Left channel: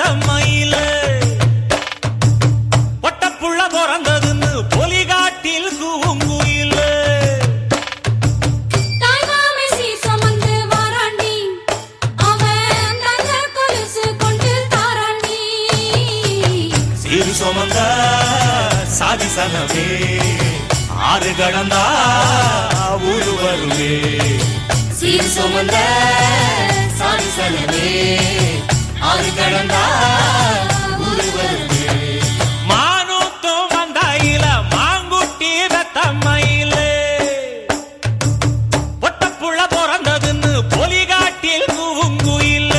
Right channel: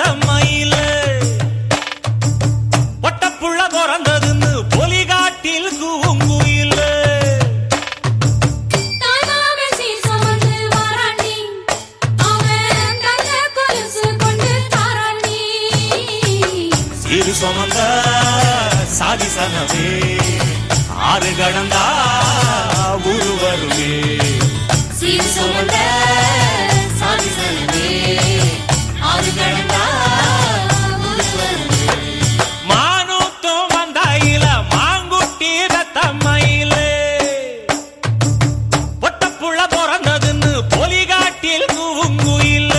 தத்தம்மையில பொட்டப்புள்ள பிறந்ததுன்னு பொலிகாட்டில் கூங்குயில சீரு சுமந்த சாதிசனவே ஆறு கடந்தா ஊரு வருவே சீரு சுமந்த சாதிசனவே ஆறு கடந்தா ஊரு வருவே மானூத்தும் வந்தாயில மாங்குட்டி ரத்தம்மையில பொட்டப்புள்ள பிறந்ததுன்னு பொலிகாட்டில் கூங்குயில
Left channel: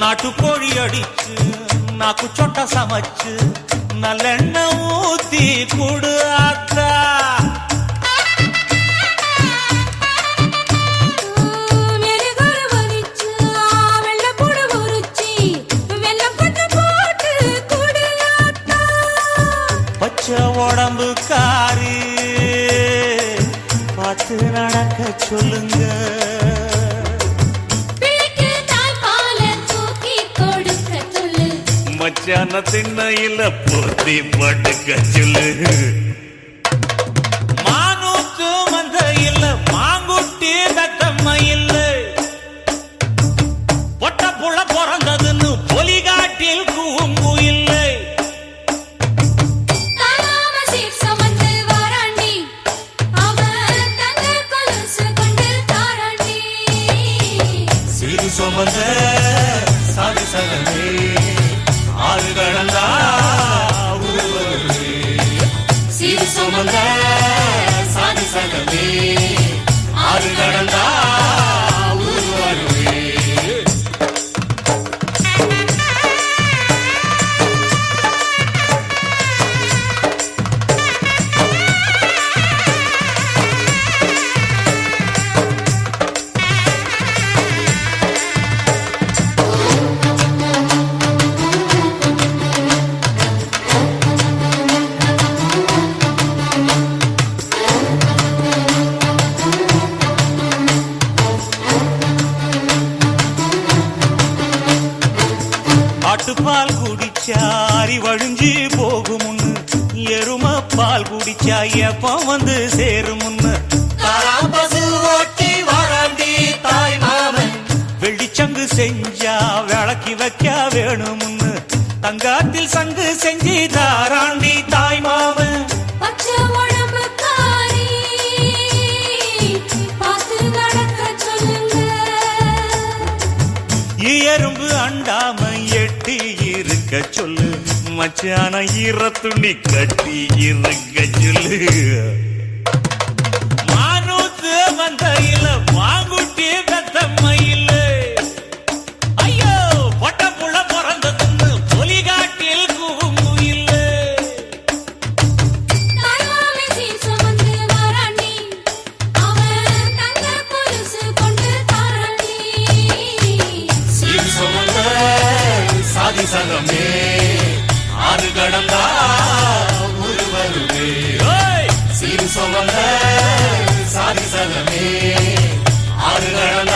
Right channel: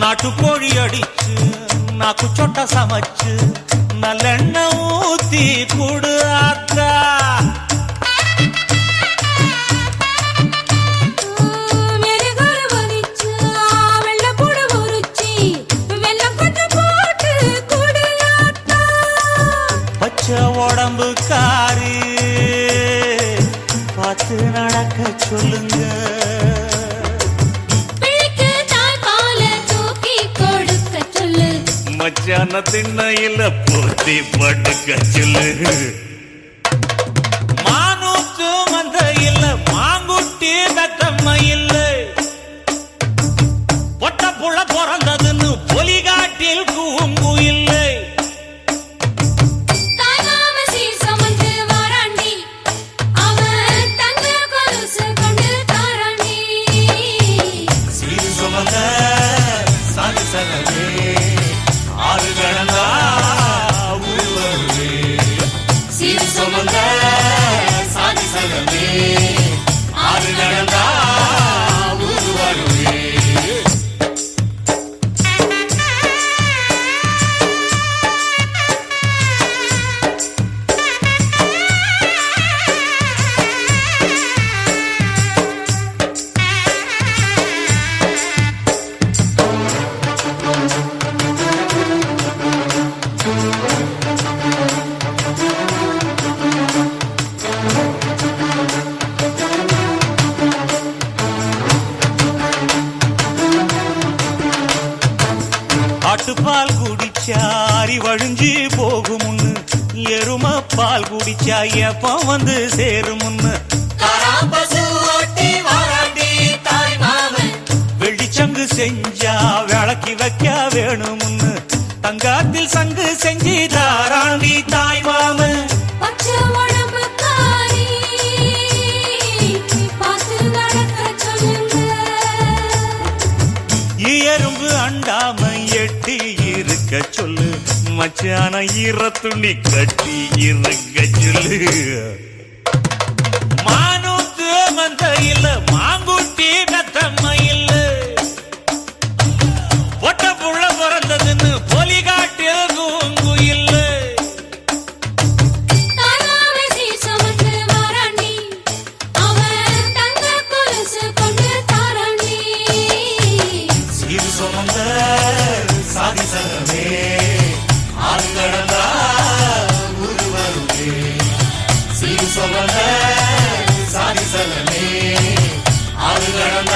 நாட்டுக்கோழி அடிச்சு நாக்கு சொட்ட சமைச்சு நல்லெண்ணெய் ஊத்தி கூடு ஆத்தா பச்சை உடம்பு காரி பார்த்து நடக்க சொல்லுங்க மச்சான திண்ணையில போத்தி படுக்க சொல்லு மானூத்து மந்த இல்ல மாங்குட்டி தத்தம்மை இல்ல பொட்ட புள்ள பிறந்ததுன்னு பொலிகாட்டில் கூங்கு இல்லை சீரு சுமந்த சாதிசனவே ஆறு கடந்தா ஊரு வருவே சீரு சுமந்த சாதிசனவே ஆறு கடந்தா ஊரு வருவே ஆட்டுப்பால் குடிச்சா அறிவழிஞ்சி போகுமுன்னு எரும பால் குடிச்சா எப்ப வந்து சேருமுன்னு வெள்ளிச்சங்கு செஞ்சா விளக்கி வைக்க வேணுமுன்னு தங்காத்தில் சங்கு செஞ்சு தாராண்டி தாய் மாமன் எறும்பு அண்டாம எட்டி இருக்க சொல்லு மச்சான ஈர துணி கட்டி இருக்க சொல்லு மானூத்து மந்தையில மாங்குட்டி தத்தம்மையில ஐயோ பொட்ட புட வரதுன்னு பொலிகாட்டில் கூங்குயில சாதிசனமே ஆறு கடந்தா ஊரு வருவே சீரு சுமந்த சாதிசனமே ஆறு கடந்தா